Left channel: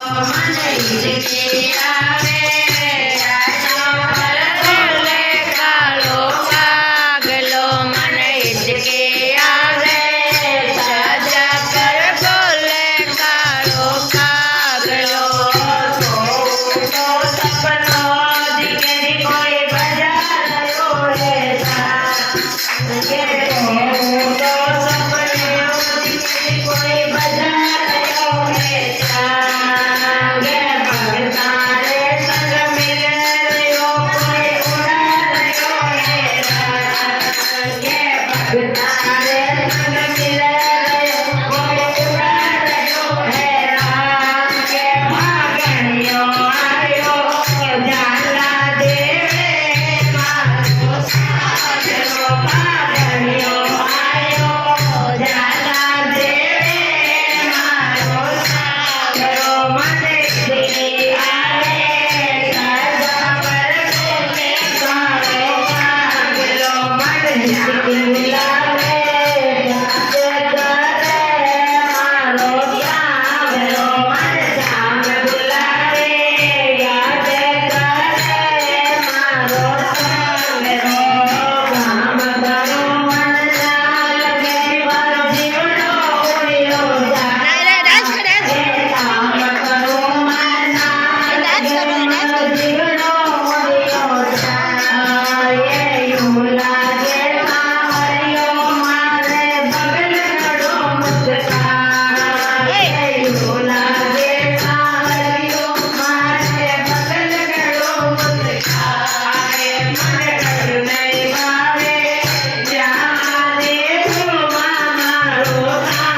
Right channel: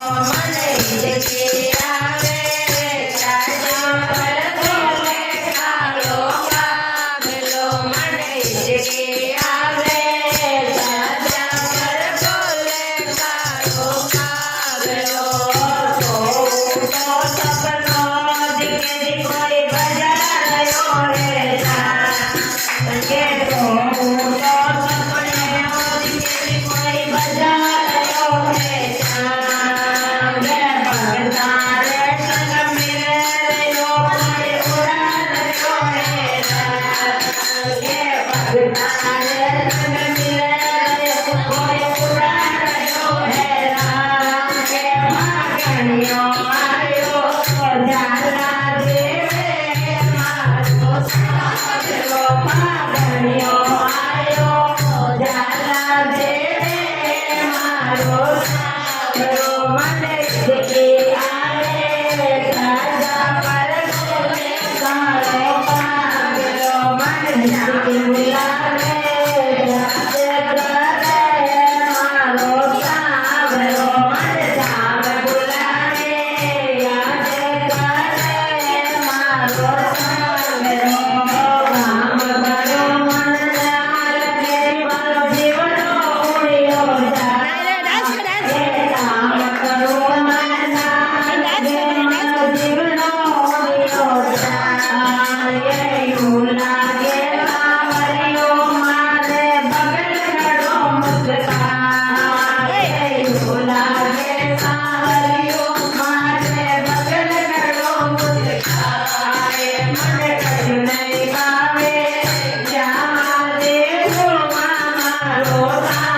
મને ઈજકે આવે રાજા બોલે કાળો કાગલો મને ઈજકે આવે રાજા કર બોલે કાળો કાગલો સપનો દીકરી કોઈ બજાયો રે કે કોઈ બજાયો રે મને